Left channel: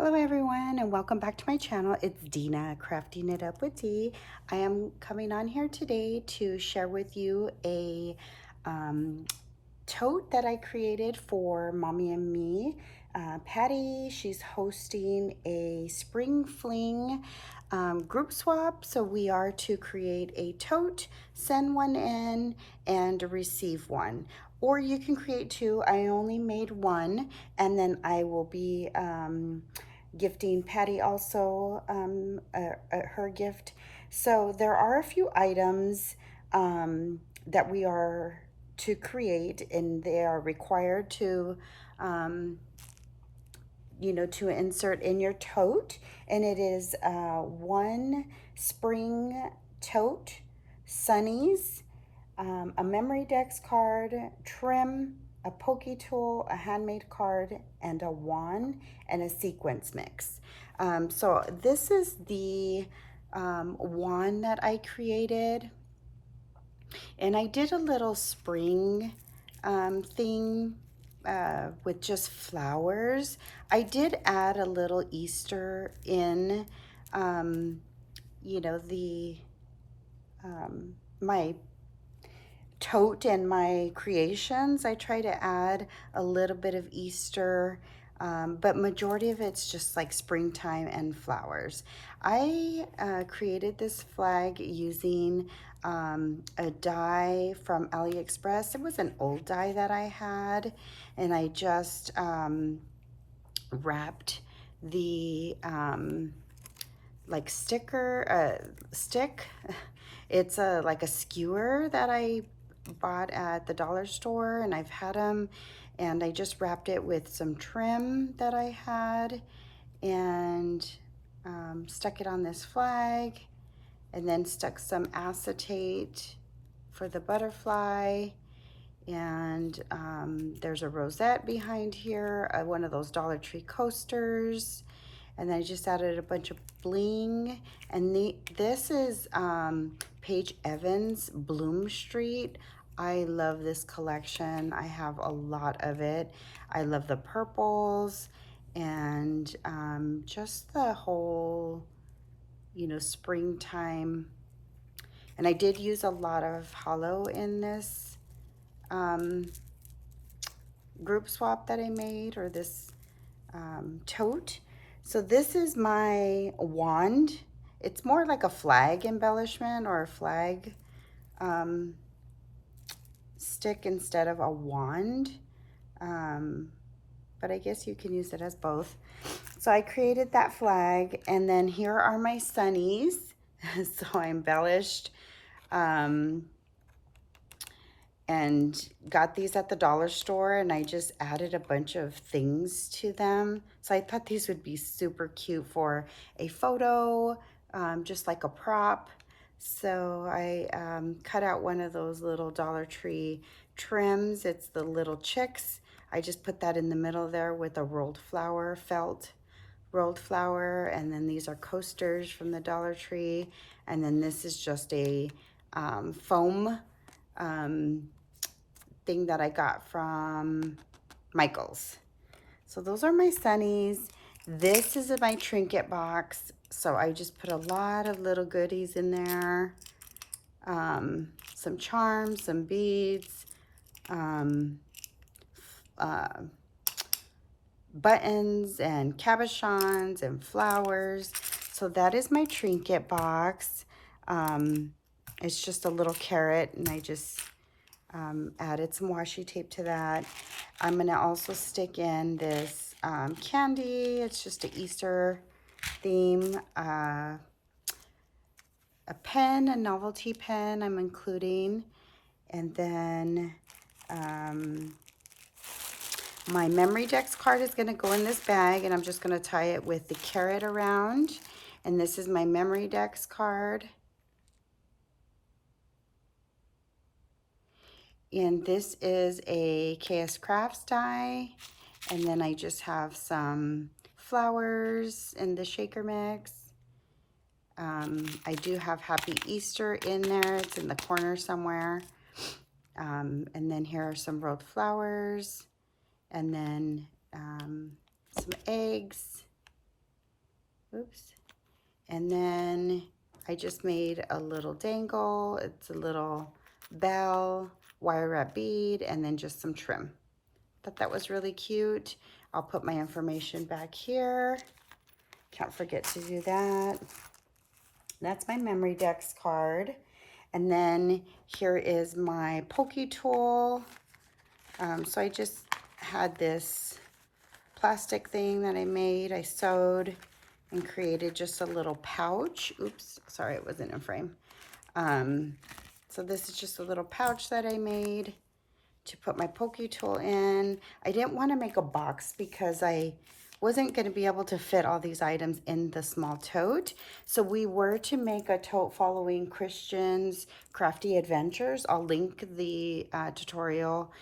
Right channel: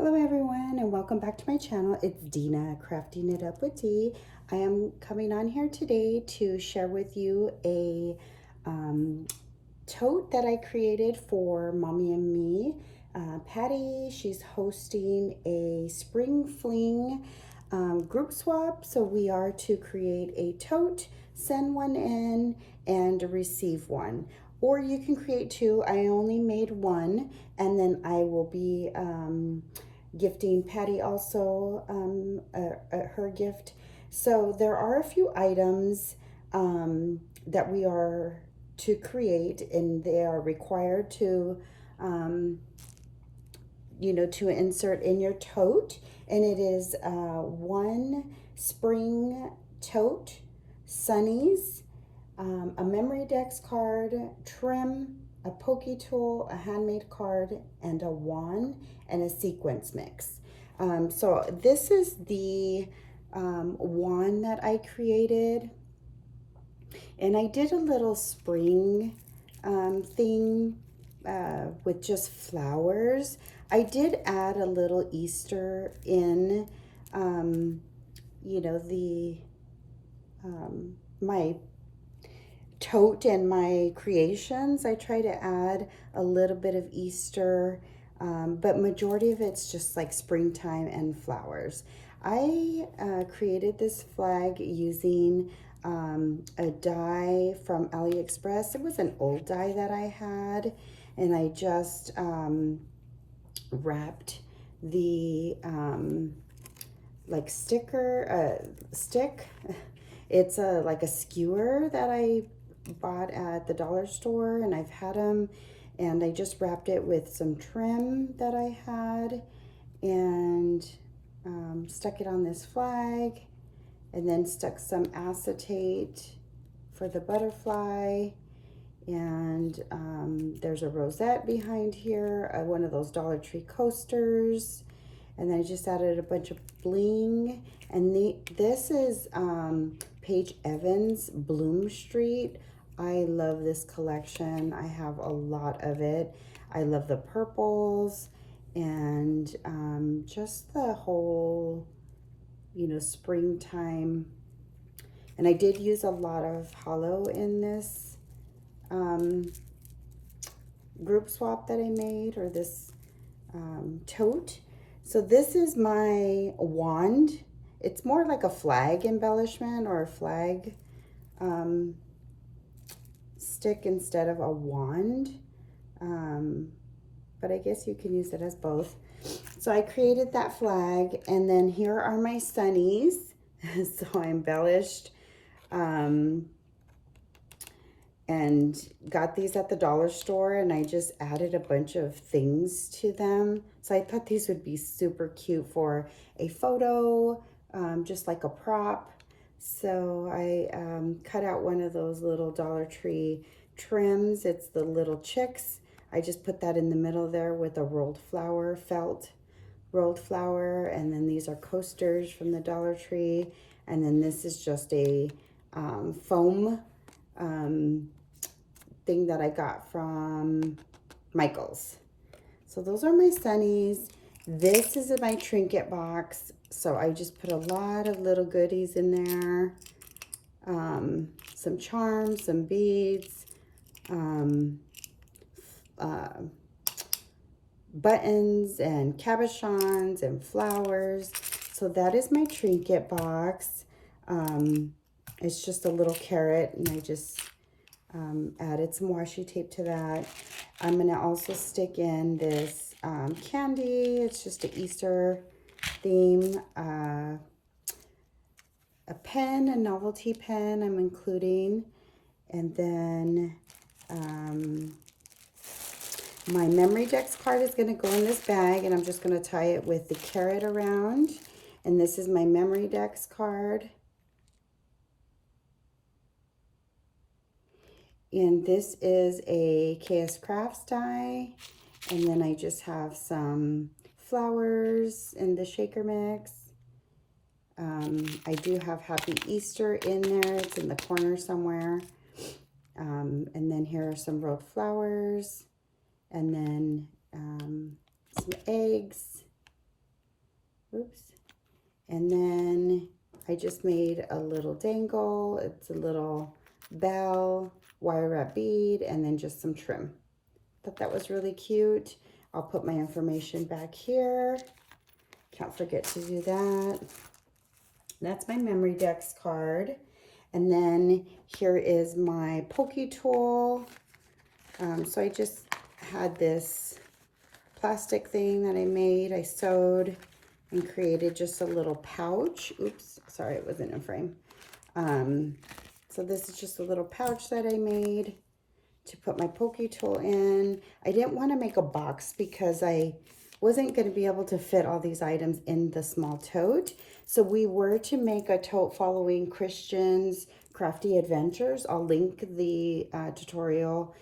Hello everyone and welcome back to my channel. It's Dina, Crafting It Up with D. I am coming on here today to share with you a tote that I created for Mommy and me. Patty, she's hosting a spring fling group swap. So we are to create a tote, send one in, and receive one. Or you can create two. I only made one, and then I will be gifting Patty also her gift. So there are a few items that we are to create, and they are required to to insert in your tote. And it is one spring tote, sunnies, a memory dex card, trim, a pokey tool, a handmade card, and a wand, and a sequence mix. So this is the wand that I created, and I did a little spring thing with just flowers. I did add a little Easter in, my tote and my creations. I try to add a little bit of Easter, but majority of it's just like springtime and flowers. I created this flag using a die from AliExpress. It was an old die that I had, and I just wrapped the like stick. It's like a skewer that I bought at the dollar store, and I've had them, and I just wrapped it with some trim that I had, and stuck it on this flag, and then stuck some acetate for the butterfly. And there's a rosette behind here, one of those Dollar Tree coasters. And then I just added a bunch of bling. And this is Paige Evans Bloom Street. I love this collection. I have a lot of it. I love the purples and just the whole, springtime. And I did use a lot of hollow in this group swap that I made, or this tote. So this is my wand. It's more like a flag embellishment or a flag stick instead of a wand. But I guess you can use it as both. So I created that flag, and then here are my sunnies. So I embellished and got these at the dollar store, and I just added a bunch of things to them. So I thought these would be super cute for a photo, just like a prop. So I cut out one of those little Dollar Tree trims. It's the little chicks. I just put that in the middle there with a rolled flower, felt rolled flower. And then these are coasters from the Dollar Tree. And then this is just a foam thing that I got from Michael's. So those are my sunnies. This is my trinket box. So I just put a lot of little goodies in there. Some charms, some beads, buttons and cabochons and flowers. So that is my trinket box. It's just a little carrot, and I just added some washi tape to that. I'm going to also stick in this candy. It's just an Easter theme. A pen, a novelty pen I'm including. And then my memory dex card is going to go in this bag, and I'm just going to tie it with the carrot around. And this is my memory dex card. And this is a KS Crafts die. And then I just have some flowers in the shaker mix. I do have Happy Easter in there. It's in the corner somewhere. And then here are some rolled flowers. And then some eggs. Oops. And then I just made a little dangle. It's a little bell, wire wrap bead, and then just some trim. Thought that was really cute. I'll put my information back here. Can't forget to do that. That's my Memory Decks card. And then here is my pokey tool. So I just had this plastic thing that I made. I sewed and created just a little pouch. Oops, sorry, it wasn't in frame. So this is just a little pouch that I made to put my pokey tool in. I didn't want to make a box because I wasn't going to be able to fit all these items in the small tote. So we were to make a tote following Christian's Crafty Adventures. I'll link the tutorial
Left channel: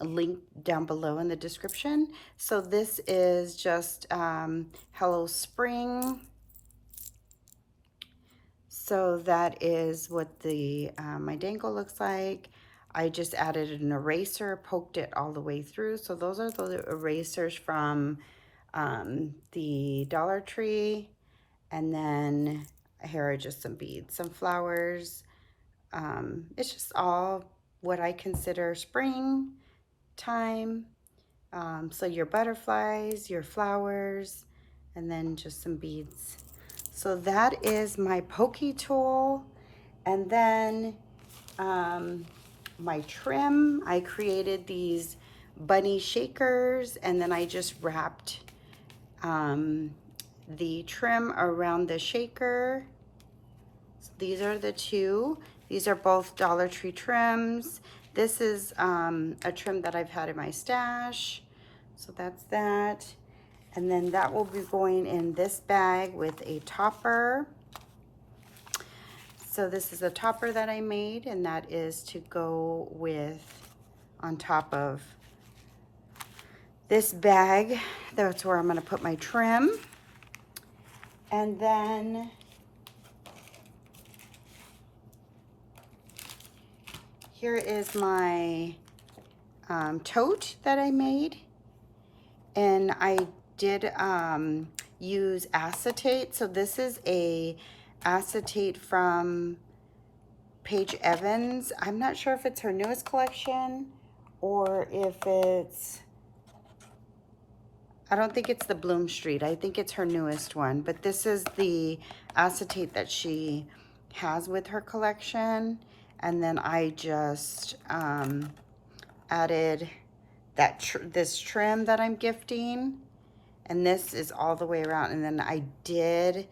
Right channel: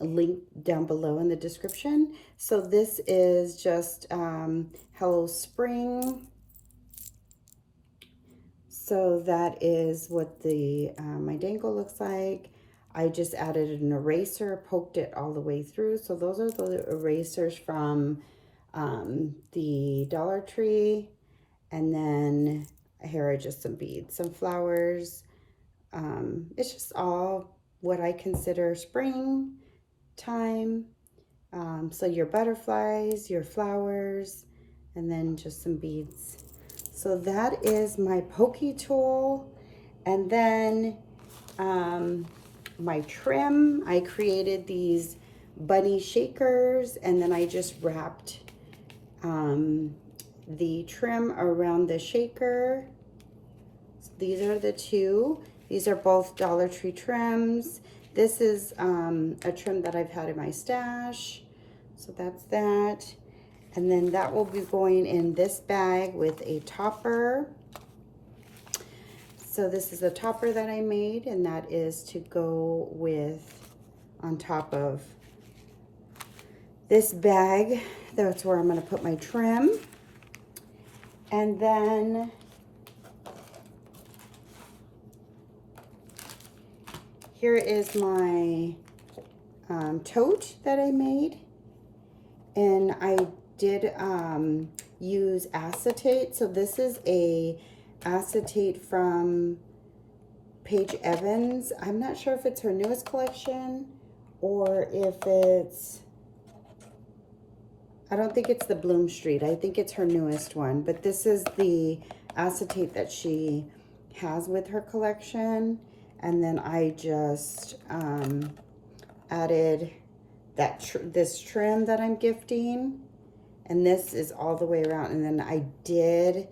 link down below in the description. So this is just Hello Spring. So that is what the my dangle looks like. I just added an eraser, poked it all the way through. So those are the erasers from the Dollar Tree. And then here are just some beads, some flowers. It's just all what I consider spring time. So your butterflies, your flowers, and then just some beads. So that is my pokey tool. And then my trim, I created these bunny shakers, and then I just wrapped the trim around the shaker. So these are the two. These are both Dollar Tree trims. This is a trim that I've had in my stash. So that's that. And then that will be going in this bag with a topper. So this is a topper that I made, and that is to go with on top of this bag. That's where I'm going to put my trim. And then here is my tote that I made. And I did use acetate. So this is a acetate from Paige Evans. I'm not sure if it's her newest collection or if it's, I don't think it's the Bloom Street. I think it's her newest one, but this is the acetate that she has with her collection. And then I just added that this trim that I'm gifting, and this is all the way around. And then I did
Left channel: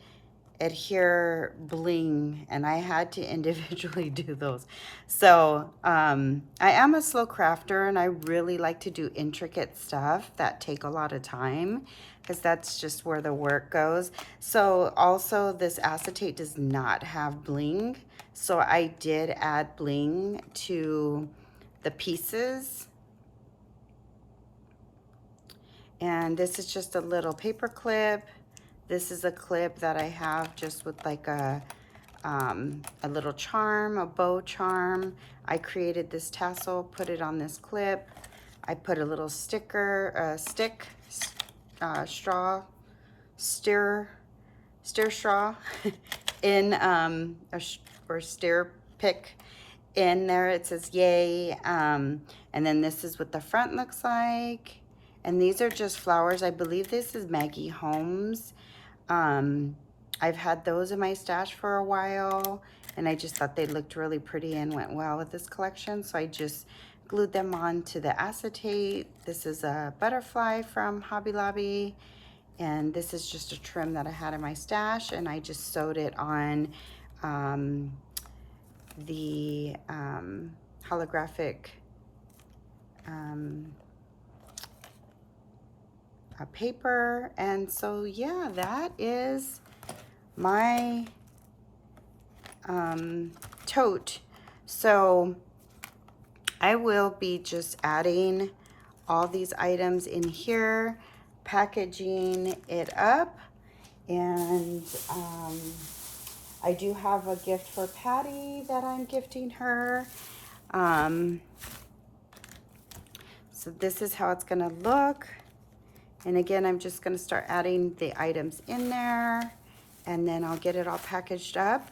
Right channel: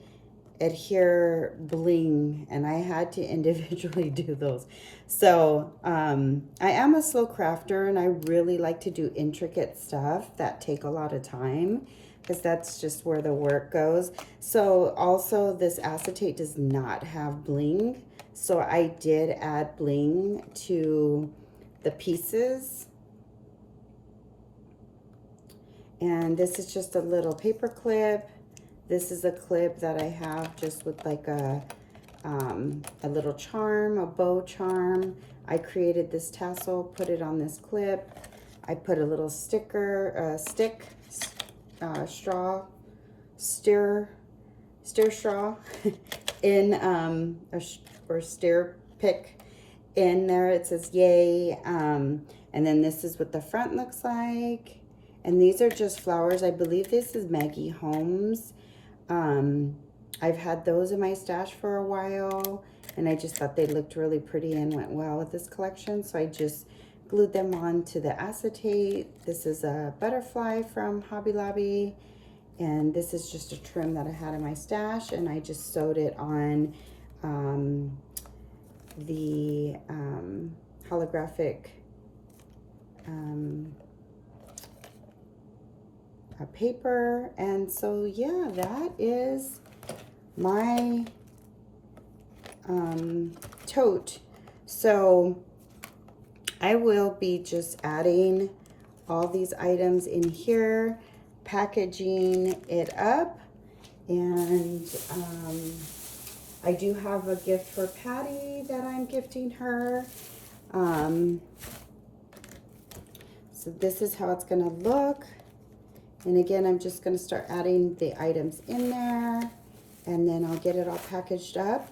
adhere bling, and I had to individually do those. So I am a slow crafter, and I really like to do intricate stuff that take a lot of time, because that's just where the work goes. So also this acetate does not have bling, so I did add bling to the pieces. And this is just a little paper clip. This is a clip that I have just with like a little charm, a bow charm. I created this tassel, put it on this clip. I put a little sticker, straw, stir straw in, or stir pick in there. It says yay. And then this is what the front looks like. And these are just flowers. I believe this is Maggie Holmes. I've had those in my stash for a while, and I just thought they looked really pretty and went well with this collection. So I just glued them on to the acetate. This is a butterfly from Hobby Lobby. And this is just a trim that I had in my stash, and I just sewed it on the holographic paper. And so yeah, that is my tote. So I will be just adding all these items in here, packaging it up, and I do have a gift for Patty that I'm gifting her. So this is how it's gonna look. And again, I'm just gonna start adding the items in there, and then I'll get it all packaged up.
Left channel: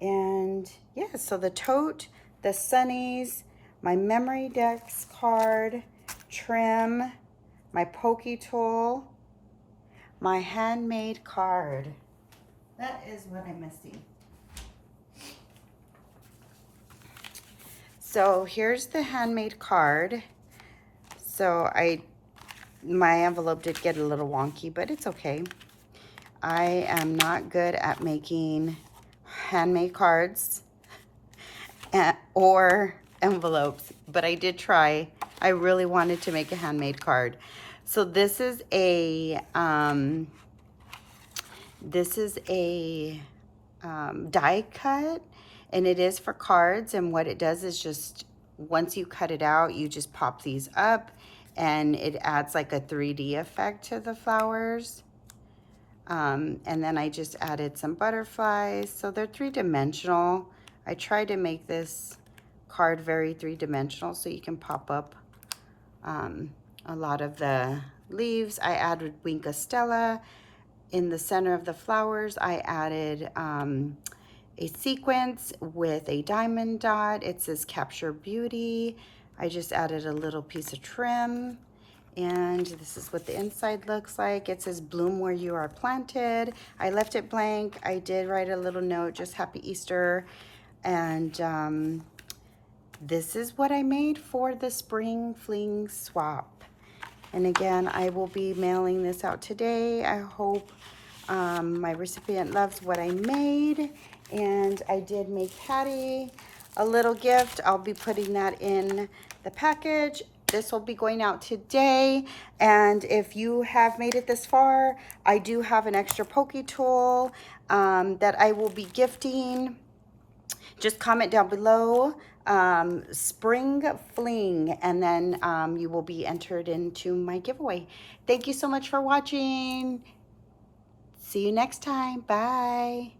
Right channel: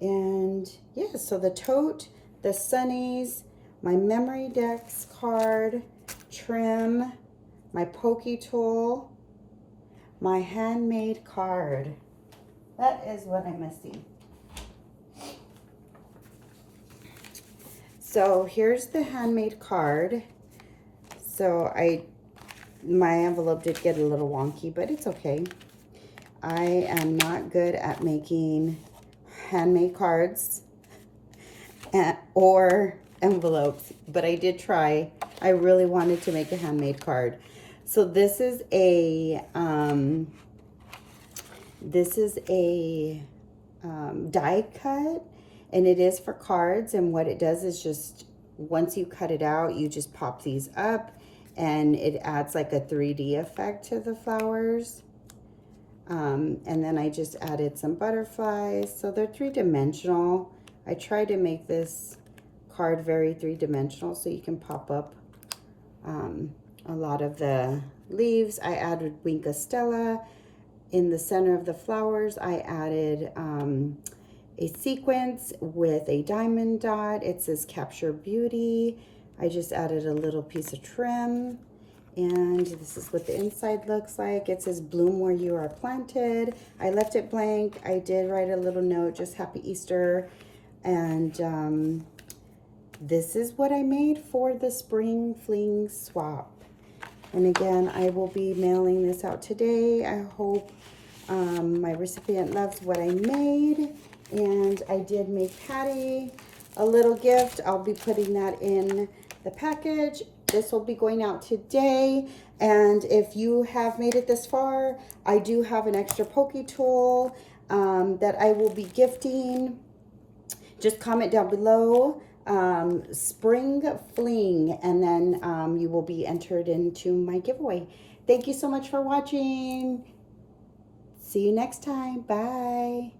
And yeah, so the tote, the sunnies, my memory decks card, trim, my pokey tool, my handmade card. That is what I'm missing. So here's the handmade card. So my envelope did get a little wonky, but it's okay. I am not good at making handmade cards or envelopes, but I did try. I really wanted to make a handmade card. So this is a die cut, and it is for cards. And what it does is just, once you cut it out, you just pop these up, and it adds like a 3D effect to the flowers. And then I just added some butterflies. So they're 3-dimensional. I tried to make this card very 3-dimensional so you can pop up a lot of the leaves. I added Winka Stella. In the center of the flowers, I added a sequence with a diamond dot. It says Capture Beauty. I just added a little piece of trim. And this is what the inside looks like. It says bloom where you are planted. I left it blank. I did write a little note, just Happy Easter. And this is what I made for the Spring Fling Swap. And again, I will be mailing this out today. I hope my recipient loves what I made. And I did make Patty a little gift. I'll be putting that in the package. This will be going out today. And if you have made it this far, I do have an extra pokey tool that I will be gifting. Just comment down below, Spring Fling, and then you will be entered into my giveaway. Thank you so much for watching. See you next time. Bye.